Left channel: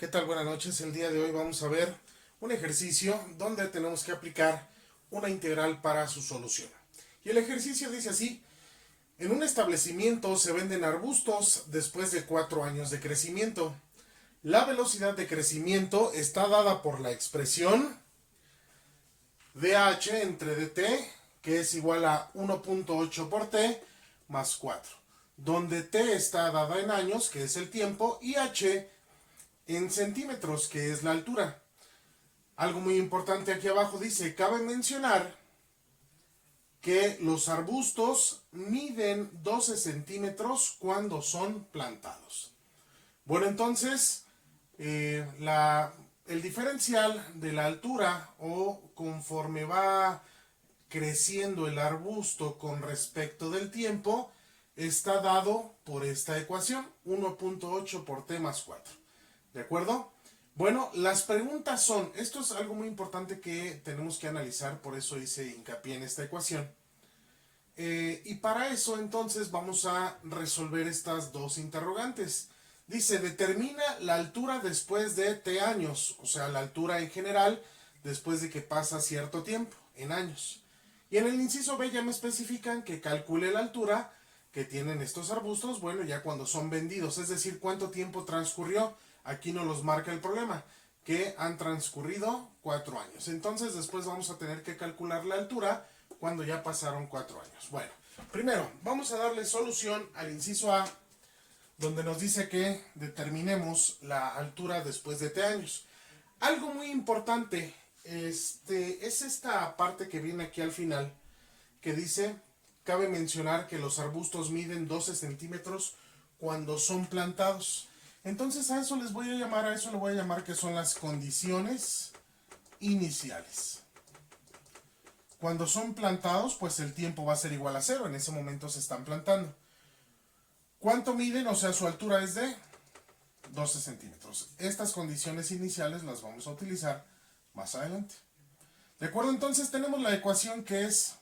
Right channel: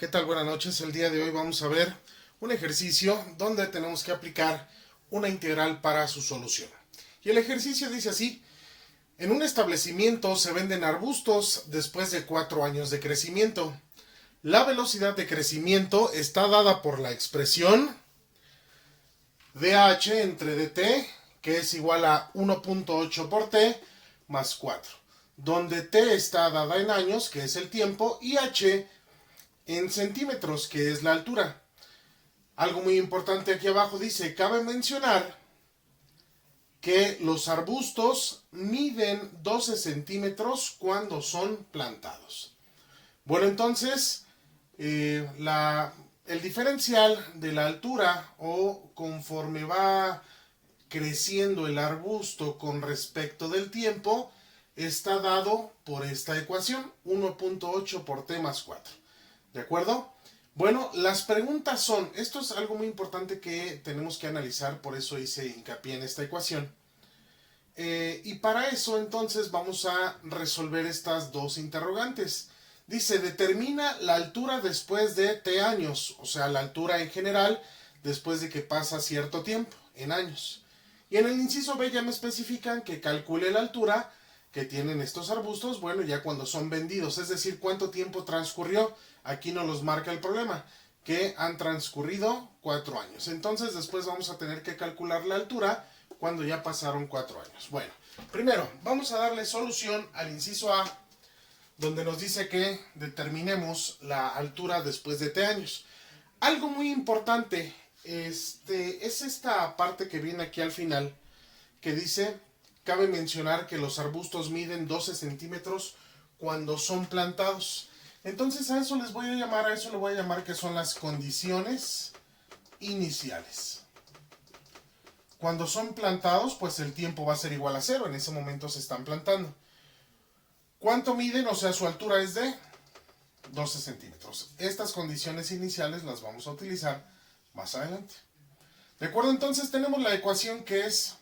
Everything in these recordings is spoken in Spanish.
¿Qué tal? Buenas noches. El día de hoy vamos a ver un ejercicio donde tenemos que aplicar una integral para su solución. Y el ejercicio dice así: en un establecimiento se venden arbustos después de 4 años de crecimiento. La velocidad de crecimiento está dada por la expresión dh entre dt, que es igual a 1.8 por t más 4, donde t está dada en años, que es el tiempo, y h en centímetros, que es la altura. Algo muy importante aquí abajo dice: cabe mencionar que los arbustos miden 12 centímetros cuando son plantados. Bueno, entonces, el diferencial de la altura, o conforme va creciendo el arbusto con respecto del tiempo, está dado por esta ecuación: 1.8 por t más 4. ¿De acuerdo? Bueno, las preguntas son, esto es algo muy importante que tenemos que analizar, por eso hice hincapié en esta ecuación. Y para eso entonces vamos a resolver estas dos interrogantes. Dice: determina la altura después de t años, o sea, la altura en general después de que pasa cierto tiempo, en años. Y en el inciso B ya me especifican que calcule la altura que tienen estos arbustos, bueno, ya cuando son vendidos, es decir, cuánto tiempo transcurrió. Aquí nos los marca el problema, que han transcurrido 4 años. Entonces después vamos a tener que calcular la altura cuando ya pasaron 4 años. Bueno, primero vamos a darle solución al inciso A, donde nos dice que determinemos la altura después de t años. Algo muy importante es esta parte que viene aquí al final, que dice: cabe mencionar que los arbustos miden 12 centímetros cuando son plantados. Entonces a eso le voy a llamar que son las condiciones iniciales. Cuando son plantados, pues el tiempo va a ser igual a 0, en ese momento se están plantando. ¿Cuánto miden? O sea, su altura es de 12 centímetros. Estas condiciones iniciales las vamos a utilizar más adelante. ¿De acuerdo? Entonces tenemos la ecuación, que es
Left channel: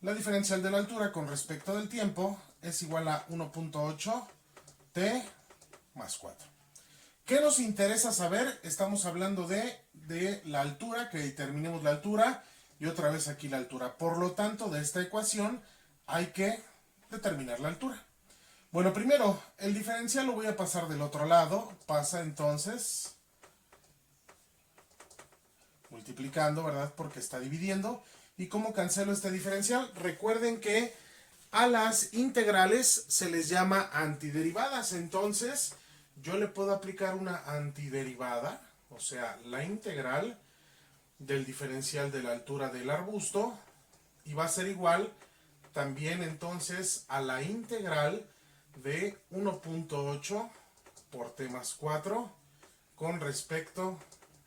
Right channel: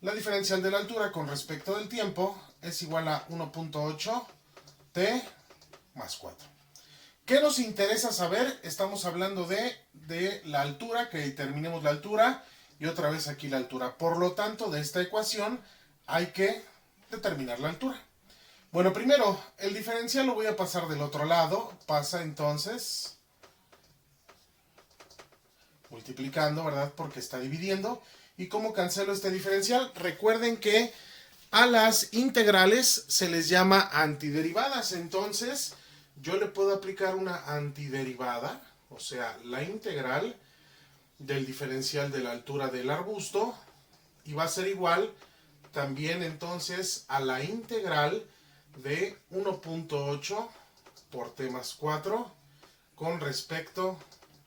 la diferencial de la altura con respecto del tiempo, es igual a 1.8 t más 4. ¿Qué nos interesa saber? Estamos hablando de la altura, que determinemos la altura, y otra vez aquí la altura. Por lo tanto, de esta ecuación hay que determinar la altura. Bueno, primero, el diferencial lo voy a pasar del otro lado. Pasa entonces multiplicando, ¿verdad? Porque está dividiendo. ¿Y cómo cancelo este diferencial? Recuerden que a las integrales se les llama antiderivadas. Entonces yo le puedo aplicar una antiderivada, o sea, la integral del diferencial de la altura del arbusto, y va a ser igual también entonces a la integral de 1.8 por t más 4 con respecto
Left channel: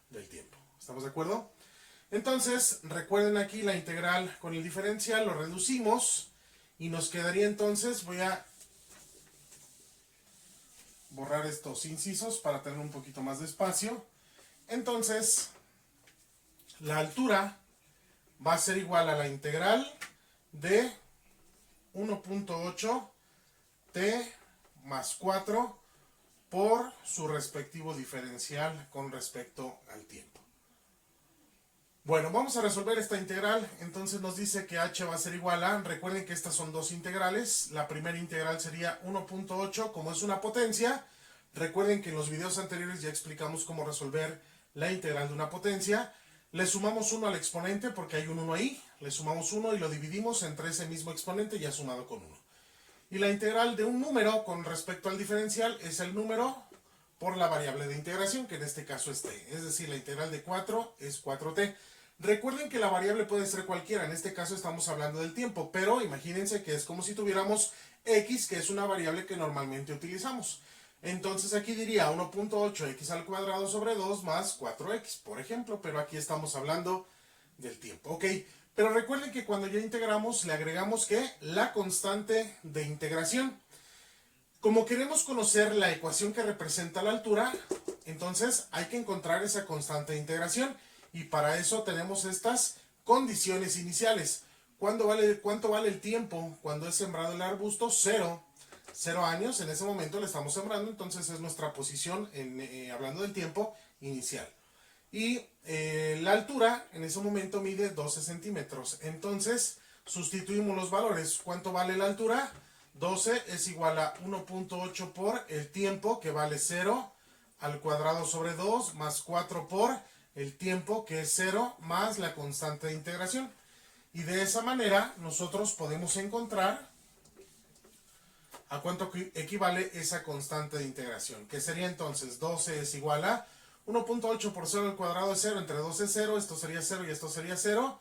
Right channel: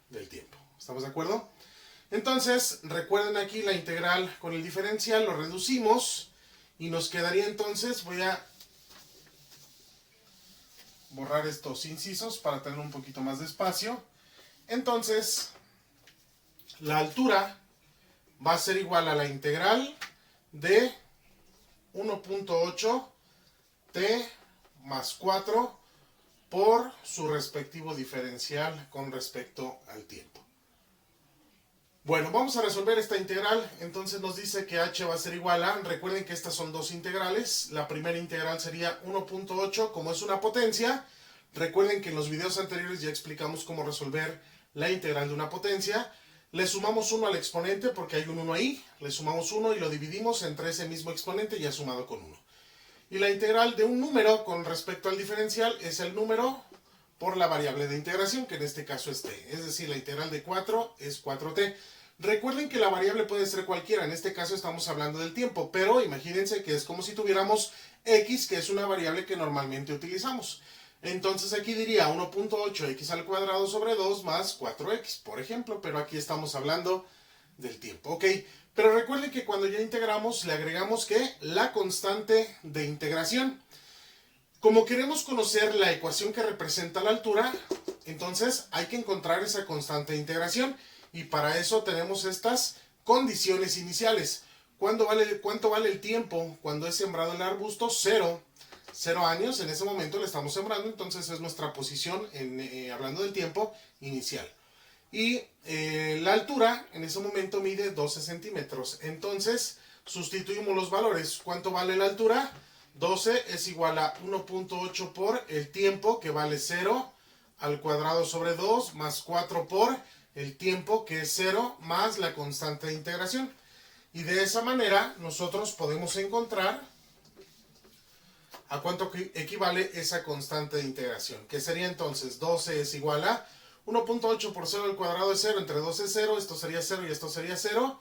del tiempo. ¿Estamos de acuerdo? Entonces, recuerden aquí la integral con el diferencial, lo reducimos y nos quedaría entonces, voy a borrar estos incisos para tener un poquito más de espacio. Entonces, la altura va a ser igual a la integral de 1.8 t más 4 por su respectivo diferencial con respecto al tiempo. Bueno, vamos a resolver esta integral. Entonces nos dice que h va a ser igual a, recuerden que estas son dos integrales. La primera integral sería 1.8, como es una potencia. Recuerden que en los videos anteriores ya explicamos cómo resolver la integral de una potencia. Le sumamos 1 al exponente porque hay un 1 ahí. Le sumamos 1 y lo dividimos entre ese mismo exponente ya sumado con 1. Y la integral de un número con respecto al diferencial es el número por la variable de integración, que en este caso es t. Es decir, la integral de 4 es 4t. Recuerden que la variable puede ser cualquiera. En este caso estamos hablando del tiempo, pero imagínense que es como si tuviéramos x, que es una variable que normalmente utilizamos. Entonces aquí diría 1.8 x al cuadrado sobre 2 más 4x, por ejemplo, pero aquí estamos hablando del tiempo. Ok, pero recuerden que cuando ya integramos le agregamos que la constante de integración. Como queremos conocer la ecuación que representa la altura, entonces hay que encontrar esa constante de integración, y para eso tenemos estas condiciones iniciales. ¿Cuánto vale el tiempo cuando es sembrado el arbusto? 0. 0 años, en ese momento le estamos sembrando, entonces es nuestra posición, hablando del tiempo inicial. Y la altura en ese momento mide 12 centímetros. Entonces sustituimos los valores. ¿Cuánto vale la altura? 12 es igual a 1.8 por el tiempo, que vale 0, al cuadrado sobre 2, más 4 por el tiempo, que es 0, más la constante de integración. Y de esa manera nosotros podemos encontrar a cuánto equivale esa constante de integración, que sería entonces 12 es igual a 1.8 por 0 al cuadrado es 0, entre 2 es 0, esto sería 0 y esto sería 0,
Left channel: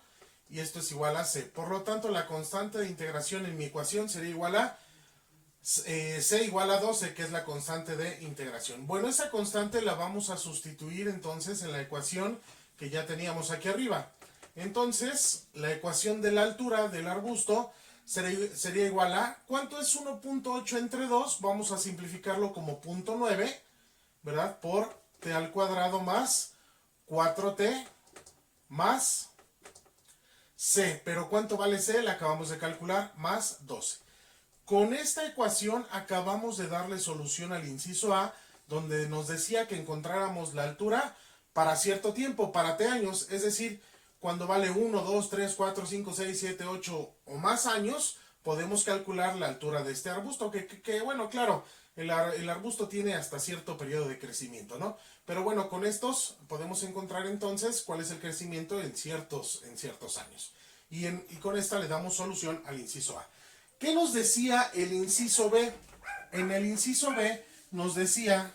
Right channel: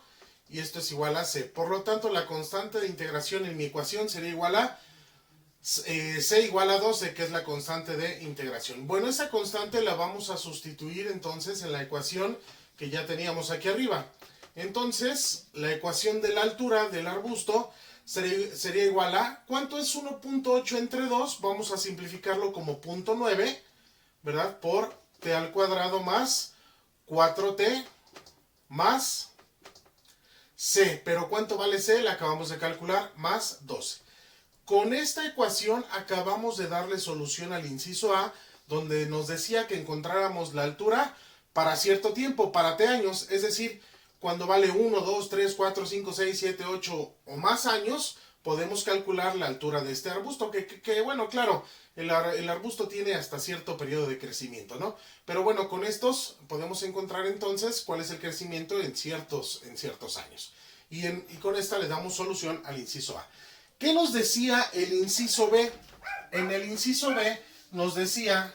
y esto es igual a c. Por lo tanto, la constante de integración en mi ecuación sería igual a c igual a 12, que es la constante de integración. Bueno, esa constante la vamos a sustituir entonces en la ecuación que ya teníamos aquí arriba. Entonces, la ecuación de la altura del arbusto sería igual a, ¿cuánto es 1.8 entre 2? Vamos a simplificarlo como 0.9, ¿verdad? Por t al cuadrado más 4t más c. Pero ¿cuánto vale c? La acabamos de calcular, más 12. Con esta ecuación acabamos de darle solución al inciso A, donde nos decía que encontráramos la altura para cierto tiempo, para t años, es decir, cuando vale 1, 2, 3, 4, 5, 6, 7, 8 o más años, podemos calcular la altura de este arbusto, que bueno, claro, el arbusto tiene hasta cierto periodo de crecimiento, ¿no? Pero bueno, con estos podemos encontrar entonces cuál es el crecimiento en ciertos años. Y con esta le damos solución al inciso A. ¿Qué nos decía el inciso B? En el inciso B nos decía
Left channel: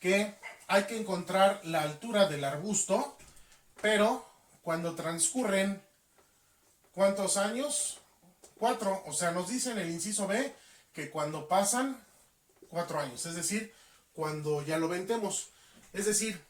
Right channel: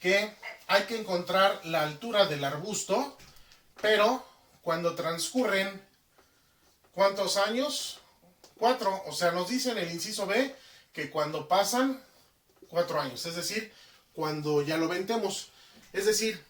que hay que encontrar la altura del arbusto, pero cuando transcurren, ¿cuántos años? 4. O sea, nos dice en el inciso B que cuando pasan 4 años, es decir, cuando ya lo vendemos. Es decir,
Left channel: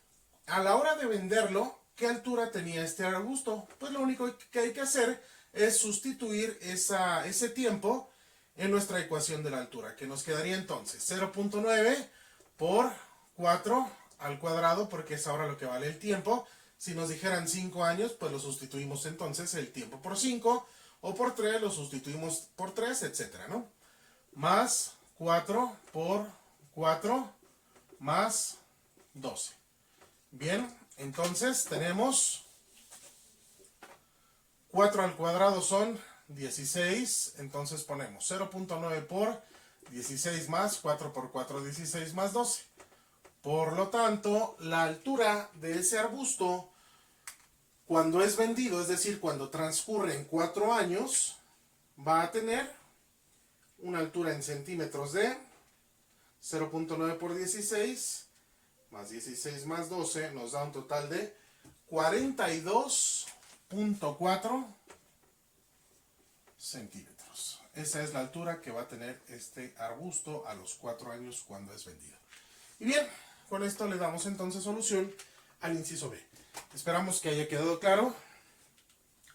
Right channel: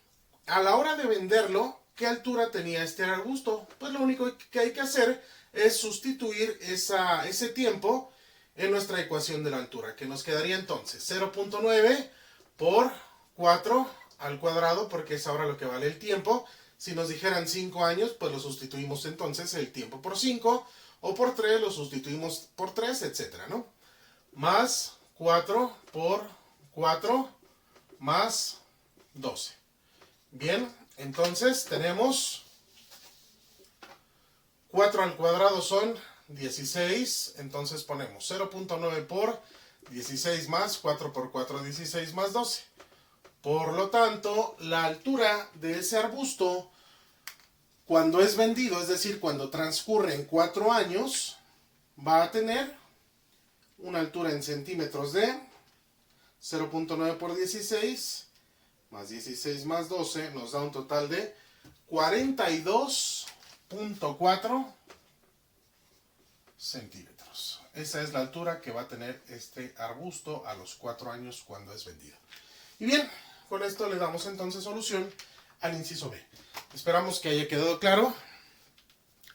a la hora de venderlo, ¿qué altura tenía este arbusto? Pues lo único que hay que hacer es sustituir ese tiempo en nuestra ecuación de la altura, que nos quedaría entonces 0.9 por 4 al cuadrado, porque es ahora lo que vale el tiempo. Si nos dijeran 5 años, pues lo sustituimos entonces el tiempo por 5, o por 3 lo sustituimos por 3, etcétera, ¿no? Más 4 por 4 más 12. Bien, entonces tenemos 4 al cuadrado son 16, entonces ponemos 0.9 por 16 más 4 por 4, 16 más 12. Por lo tanto, la altura de ese arbusto, cuando es vendido, es decir, cuando transcurren 4 años, va a tener una altura en centímetros de 0.9 por 16 más 16 más 12 nos da un total de 42.4 centímetros. Esa es la altura que va a tener este arbusto a los 4 años cuando es vendido. Y bien, con esto le damos entonces solución al inciso B. Esperamos que haya quedado claro.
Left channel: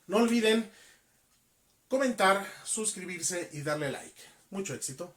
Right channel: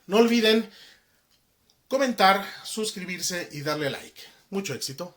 No olviden comentar, suscribirse y darle like. Mucho éxito.